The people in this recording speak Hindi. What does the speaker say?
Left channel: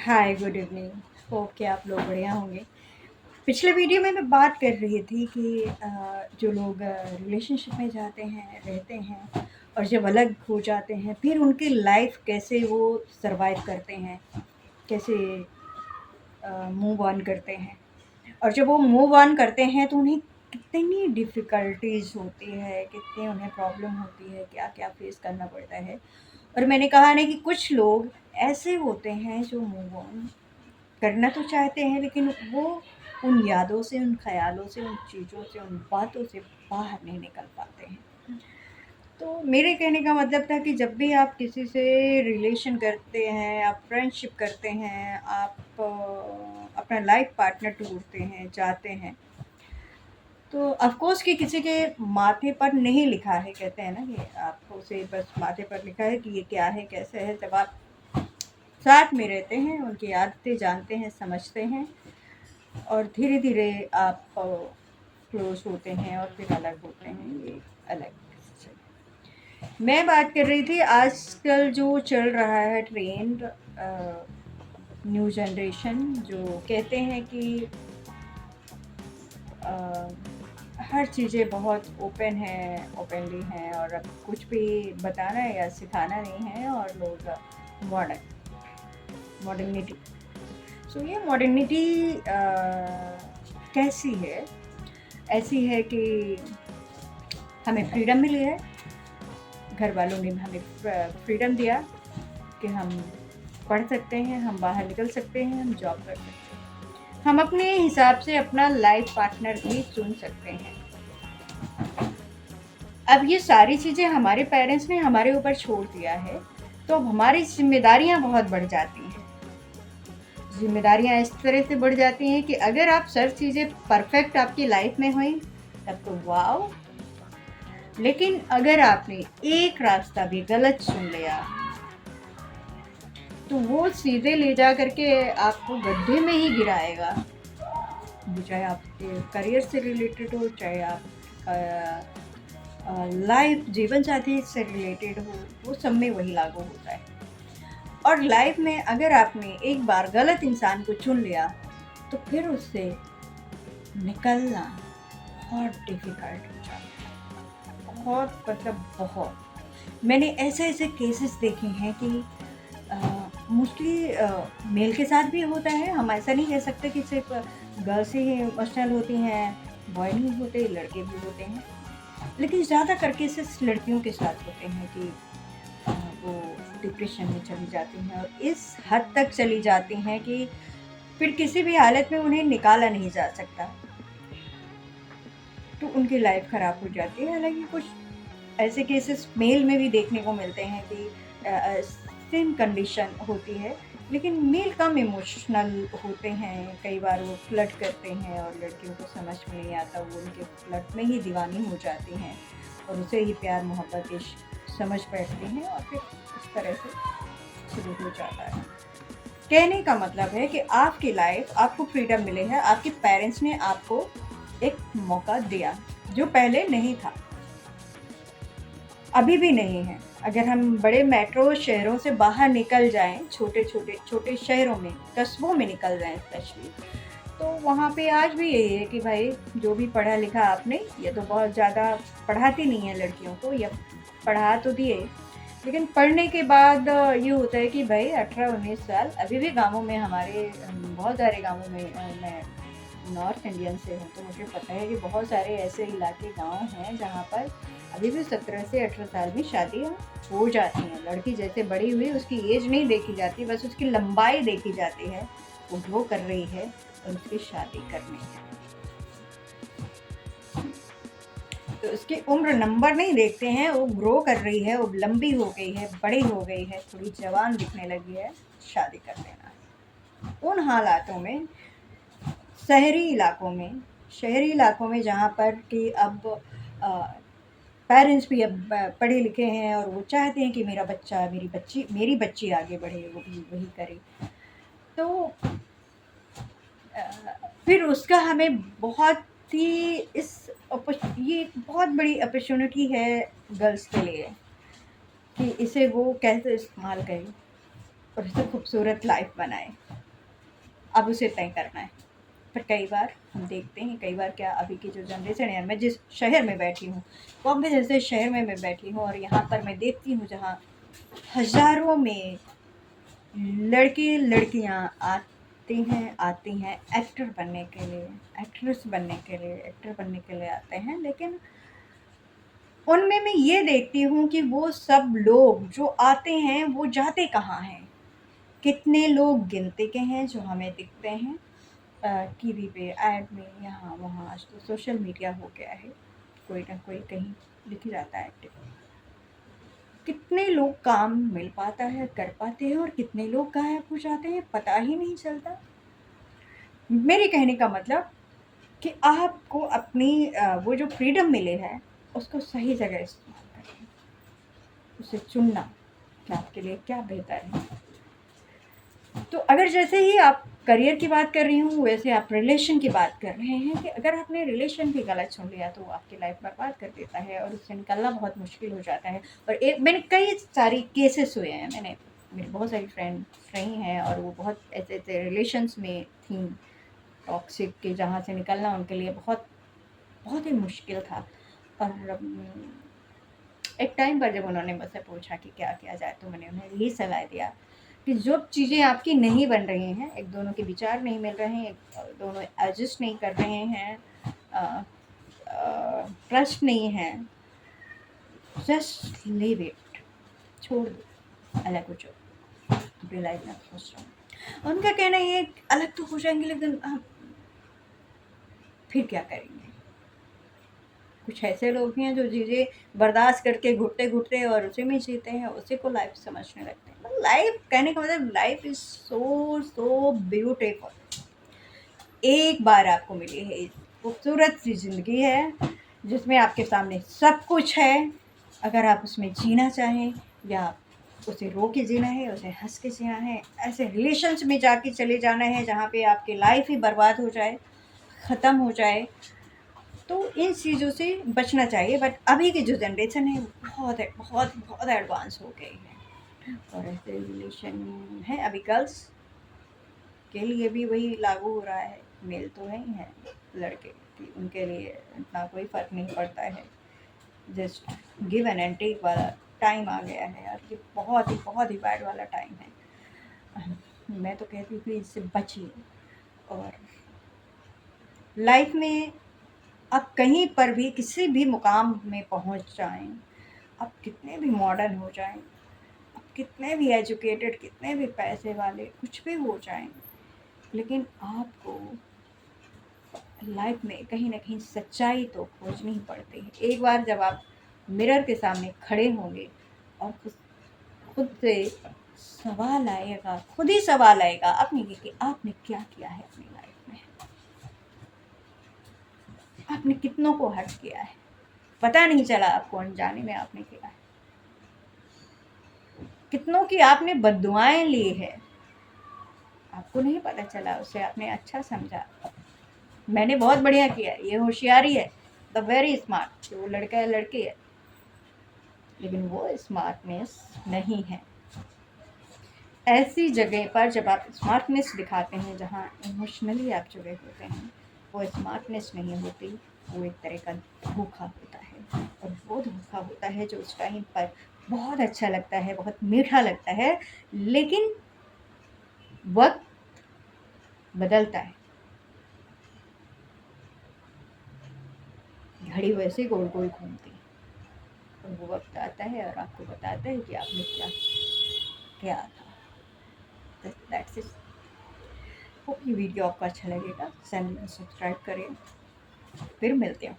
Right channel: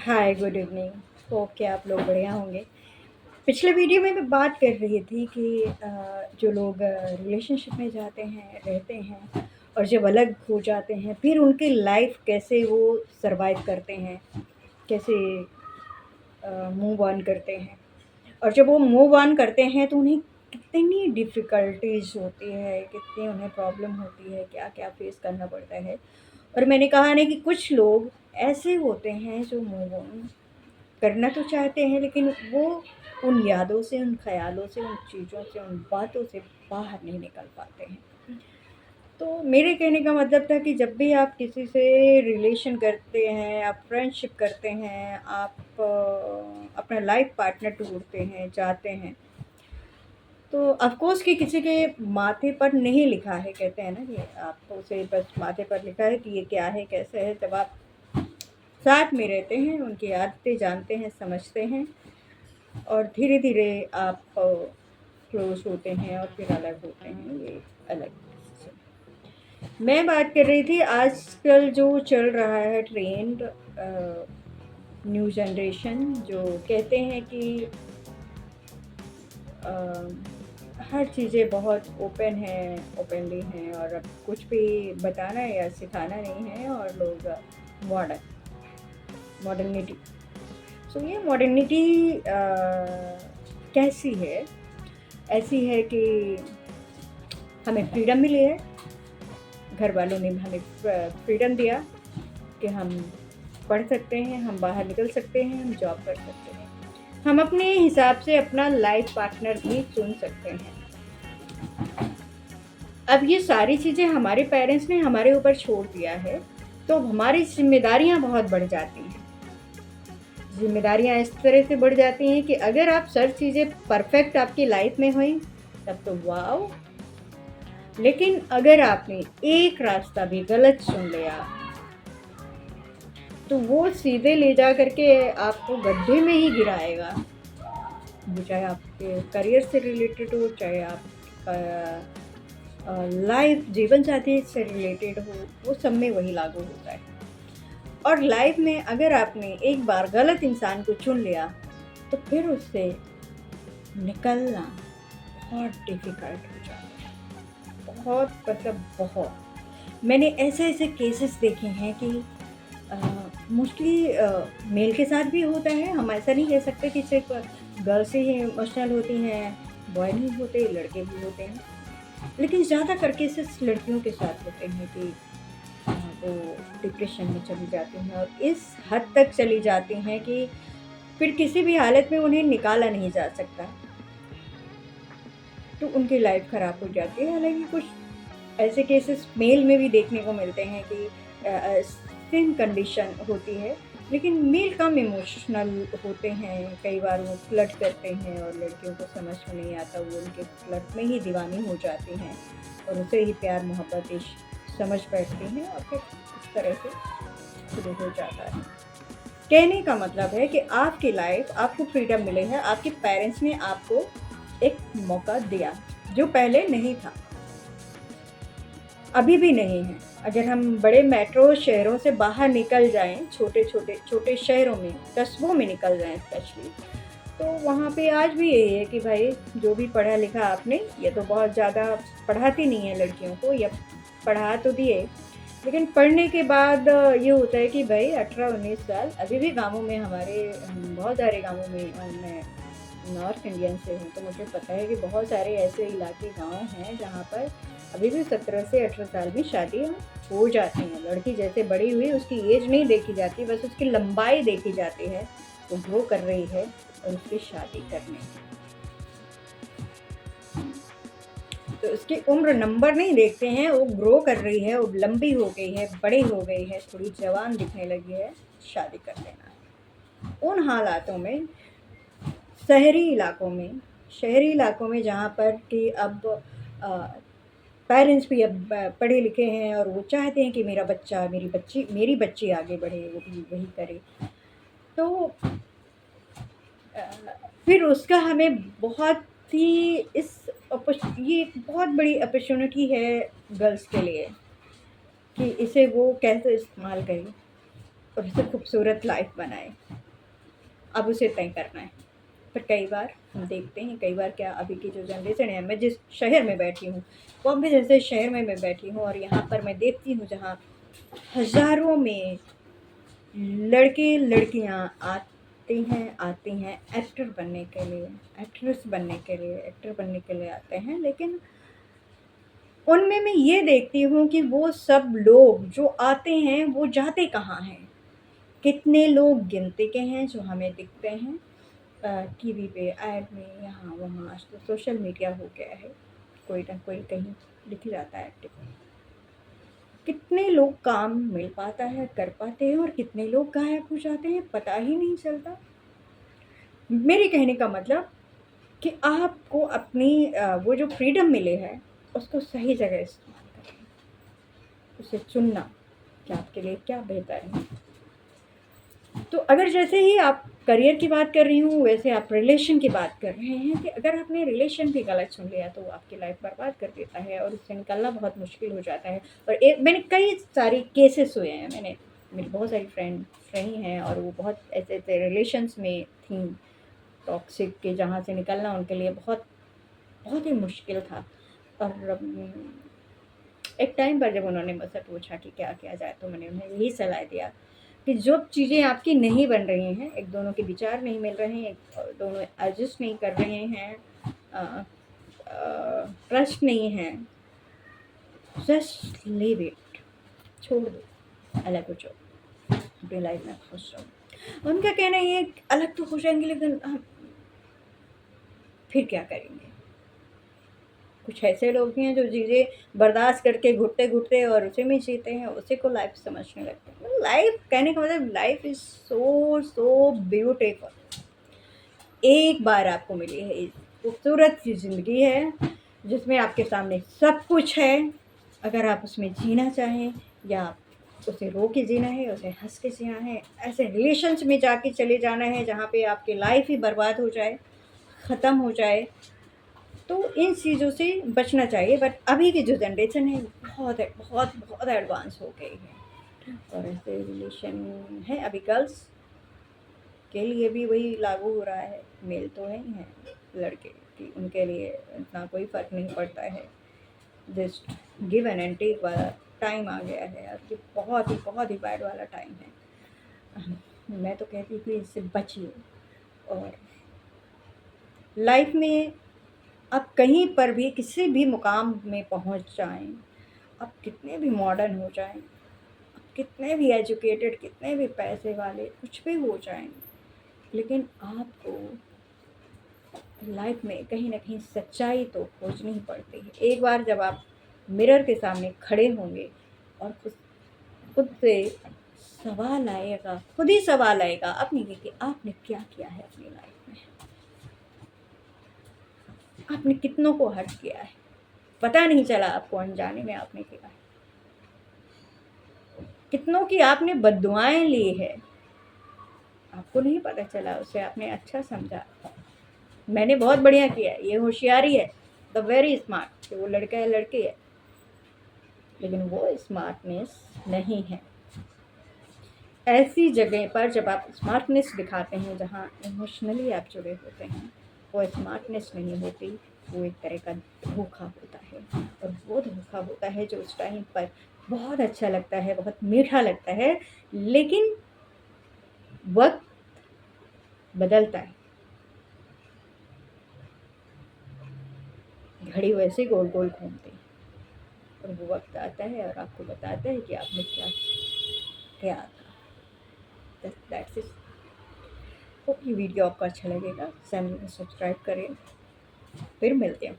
हाय, गुड इवनिंग। होप कि आप लोग बढ़िया होंगे। पिछले वीडियो में मैं बात कर रही थी कि जो लोग रिलेशनशिप में जाते हैं, रहते हैं और जब अलग हो जाते हैं, फिर उनकी लाइफ कैसे वो सरवाइव करते हैं, कैसे मूव ऑन करते हैं। और जब वो मूव ऑन करते हैं तो उन्हें कितनी डिफ़िकल्टीज़ होती है, कितनी उन्हें प्रॉब्लम होती है, क्या-क्या फ़ेस करना पड़ता है। और मैंने कहा ना कि कुछ लोग ऐसे होते हैं जो मूव ऑन करना तो चाहते हैं, लेकिन वो उन यादों से, उन ख़यालों से, उन चीज़ों से, उन बातों से बाहर नहीं निकल पाते हैं। तो मेरे कहने का मतलब था कि जब भी आप किसी से रिलेशन करते हैं, आप फ्रेंडशिप करते हैं, आप अपना लाइफ़ पार्टनर ढूँढते हैं, चाहते हैं, तो ऑफ़ कोर्स कि किसी के माथे पर नहीं लिखा है, कहते हैं ना कि आपको उसे बस माथे पर लिखा है कि ये क्या है, कैसे है। जब आप साथ में रहते हैं, उनकी आदतें जानते हैं, समझते हैं और धीरे-धीरे आप क्लोज़ होते हैं और फिर अलग होते हैं, ये अलग से। मैं बात कर रही थी आजकल जो चल रहा है ट्रेंड, न्यू जनरेशन जो कहते हैं कि अ, हर चीज़ें बहुत ओपन हैं, ओपनली हैं और अब कुछ भी बताना या सिखाना नहीं है और लोग मॉडर्निटी। सो ये मॉडर्निटी कैसी है? ऐसी है कि हमें फ्रीडम मिली है, घर वालों ने हमें फ्रीडम दिया कि हम पढ़ सकते हैं, हम बाहर निकल सकते हैं, हम जॉब कर सकते हैं। हम अपने हिसाब से अपना लाइफ पार्टनर भी चुन सकते हैं। अब ये सारी चीज़ें हमारे पेरेंट्स ने हमारे ऊपर छोड़ दिया है, तो अब हमारी ज़िम्मेदारियाँ बहुत बढ़ जाती हैं। ज़िम्मेदारियाँ इस तरह से बढ़ जाती हैं कि अगर आप सब चीज़ें परफ़ेक्ट आपकी लाइफ में हुई, तब तो वॉव! लेकिन अगर आपने एक रास्ता भी गलत चुन लिया, तो वो सीधे ले जा कर के आपको गड्ढे में ही गिराएगा। वो चाहे आपके करियर से रिलेटेड हो, चाहे आपका लाइफ जीवन साथी से रिलेटेड हो, वो सब में वही लागू होता है। और लाइफ में अगर आपने एक बार गलत इंसान को चुन लिया, तो फिर उससे निकलना बहुत डिफ़िकल्ट हो जाता है। बहुत मतलब बहुत। मैंने ऐसे-ऐसे केसेस देखे हैं कि मोस्टली मेल के साथ भी होता है। हम ऐसा नहीं कह सकते कि सिर्फ़ गर्ल्स ही इमोशनल होती हैं, बॉय नहीं होते, लड़के भी होते हैं। लेकिन ज़्यादातर केसेस लड़कियों के साथ होते हैं कि वो डिप्रेशन में चली जाती हैं और इस हद तक चली जाती हैं कि फिर किसी भी हालत में उन्हें निकाला नहीं जा सकता, तो उनकी लाइफ ख़राब हो जाती है। हालाँकि कुछ ऐसे केसेस मेल में भी देखने को मिलते हैं कि सेम कंडीशन होती है, लेकिन मेल कम इमोशनल होते हैं। कई बार वो फ्लर्ट करते हैं और लड़कियों को समझ में नहीं आता, वो उनके फ्लर्ट में ही दीवानी हो जाती हैं और उसे ही प्यार मोहब्बत इश्क समझ बैठती हैं और फिर इस तरह से शुरू हो जाता है। कहने का मतलब है कि आपकी लाइफ, आपको फ्रीडम मिली है, आपके पेरेंट्स ने आपको एक मौका दिया, जो पहले नहीं था, अभी भी नहीं है। अगर हम बड़े मेट्रो शहरों से बाहर निकल जाएँ, छोटे शहरों में, कस्बों में निकल जाएँ स्पेशली, तो वहाँ पे आज भी यही है कि भाई जो भी पढ़ा लिखा आपने, ये तो बहुत ज़्यादा पढ़ाती नहीं है लड़कियों को, या पढ़ा तो दिए, लेकिन पढ़ने के बाद ये होता है कि भाई 18-19 साल अभी भी गाँवों में हमारे बहुत सारे गाँवों में मैं नॉर्थ इंडियन से हूँ, तो मुझे पता है कि बहुत सारे ऐसे इलाके गाँव हैं जहाँ पर अभी भी 17 से 18 साल में शादियाँ हो जाती हैं। लड़की जैसे बड़ी हुई उसकी एज नहीं देखी जाती, बस उसकी लंबाई देखी जाती है, वो ग्रो कर रही है और उसकी शादी करनी है। तो उसकी उम्र नंबर नहीं देखते हैं, वो ग्रो कर रही है, वो लंबी हो गई है, बड़ी हो गई है, थोड़ी जवान दिखने लगी है, शादी कर लेना है। उन हालातों में शहरी इलाकों में जहाँ पर कि अब पेरेंट्स भी अब पढ़े लिखे हैं और वो चाहते हैं कि मेरा बच्चा, मेरी बच्ची आगे बढ़े, वो भी वही करे। तो अ, फिर उसका हमें बहुत ही ये एक बहुत बड़ी अपॉर्च्युनिटी है गर्ल्स के लिए कि इसे वो कैसे इस्तेमाल करे और इसे खूबसूरत लाइफ़ बनाए। अब उसे तय करना है। पर कई बार हम देखते हैं, कई बार क्या, अभी की जो जनरेशन है, मैं जिस शहर में बैठी हूँ, बॉम्बे जैसे शहर में मैं बैठी हूँ, और यहाँ पर मैं देखती हूँ जहाँ हज़ारों में लड़के लड़कियाँ आती हैं एक्टर बनने के लिए, एक्ट्रेस बनने के लिए, एक्टर बनने के लिए आते हैं। लेकिन उनमें मैं ये देखती हूँ कि वो सब लोग जो आते हैं वो जाते कहाँ हैं? कितने लोग गिनती के हैं जो हमें दिखते हैं टीवी पे, ऐड में, यहाँ वहाँ। आज तो सोशल मीडिया हो गया है, कोई ना कोई कहीं दिख जाता है एक्टिव। कितने लोग काम मिल पाता है, कर पाते हैं, और कितने लोग गायब हो जाते हैं, पता ही नहीं चलता। मेरे कहने का मतलब कि आपको अपनी वो जो फ्रीडम मिले है उसको सही जगह इस्तेमाल करना, उसे चुनना कि आपके लिए क्या बेहतर है। तो अगर जैसे ही आप करियर की बात कर रही हूँ, वैसे आप रिलेशन की बात कर रहे हैं कि अगर आपने रिलेशन भी गलत चुन लिया तो वो आपकी लाइफ बर्बाद कर देता है और उससे निकलना बहुत मुश्किल हो जाता है। और एक मैंने कई सारी केसेस हुए हैं, मेरी बहुत सारी फ्रेंड्स रही हैं और वो बहुत ऐसे ऐसे रिलेशंस में थी टॉक्सिक के, जहाँ से निकलना उनके लिए बहुत बहुत ही मुश्किल था। और एक टाइम पर जब उन्होंने मुझसे पूछा कि क्या किया जाए, तो मैंने उन्हें यही सलाह दिया कि जो चीज़ें आपकी नहीं बन रही हैं, एक दोनों के विचार नहीं मिल रहे हैं, एक दोनों एडजस्ट नहीं कर रहे हैं, ट्रस्ट नहीं है, जस्ट लीव इट, छोड़ दो, अलग हो जाओ, अपनी लाइफ में खुश रहो। उनका कहना ये है कि अलग तो हो जाएंगे लेकिन हम फिर क्या करेंगे। कुछ ऐसे लोग भी हैं जो चीज़ें बर्दाश्त करके घुटते घुटते और उसी में जीते हैं, उसी को लाइफ समझने लगते हैं। मतलब लाइफ कहने का मतलब, life is so so beautiful. एक बार आपको मिली है इस खूबसूरत सी ज़िंदगी है जिसमें आपके सामने सब कुछ है। अगर आप उसमें जीना चाहें या उसे रो के जीना है, उसे हंस के जीना है, ऐसे रिलेशंस में जाके चले जाना है जहाँ पे आपकी लाइफ ही बर्बाद हो जाए, ख़त्म हो जाए, तो इन चीज़ों से बचना चाहिए। बट अभी की जो जनरेशन है बहुत है, बहुत बहुत एडवांस हो गई है। और ऐसे रिलेशन है अभी गर्ल्स के लिए भी वही लागू हो रहा है, मेल तो है ही हैं लड़के कि उनके लिए इतना कोई फ़र्क नहीं पड़ता है। जस्ट गिव एंड टेक वाला टाइम आ गया है यार, ये बहुत ही बैड वाला टाइम है। मैं तो कहती हूँ कि इससे बचिए। और लाइफ में आप कहीं पर भी किसी भी मुकाम में पहुंच जाएं, आप कितने भी मॉडर्न हो जाएं, आप कितने भी एजुकेटेड, कितने भी पैसे वाले कुछ भी हो जाएं, लेकिन आपको लाइफ में कहीं ना कहीं सच्चाई तो खोजनी ही पड़ती है। एक बार जब आप मिरर के सामने खड़े होंगे और खुद से सवाल आएगा, खुद ही सवाल आएगा अपनी कि आपने क्या किया है अपनी लाइफ में, आपने कितनों को हर्ट किया है, पता नहीं चला आपको, अनजाने में आपने किया है, कितनों की आपने बद्दुआएं ली है, आपको नहीं पता चला, उसे आपने अच्छा समझा, मैंने बहुत बढ़िया किया है, ये होशियारी है, द वेरी स्मार्ट, कि वो लड़का है लड़की है। लेकिन वो स्मार्टनेस नहीं है। ऐसी जगह पर जब आप स्मार्टनेस दिखाते हैं जहाँ इमोशनली आप जुड़े होते हैं, वो स्मार्टनेस नहीं होती, वो एक तरह का धोखा होता है। और वो धोखा होता है जो उस टाइम पर बहुत अच्छा लगता है, बहुत मीठा लगता है, लेकिन वक्त बदलता है, घड़ी वैसे गोल गोल घूमती है, और वो वक्त आता है और आपको बताता है कि आपने क्या क्या था। That's it. होप ये वीडियो आपको अच्छा लगेगा, चैनल को सब्सक्राइब करें, फिर मिलते हैं।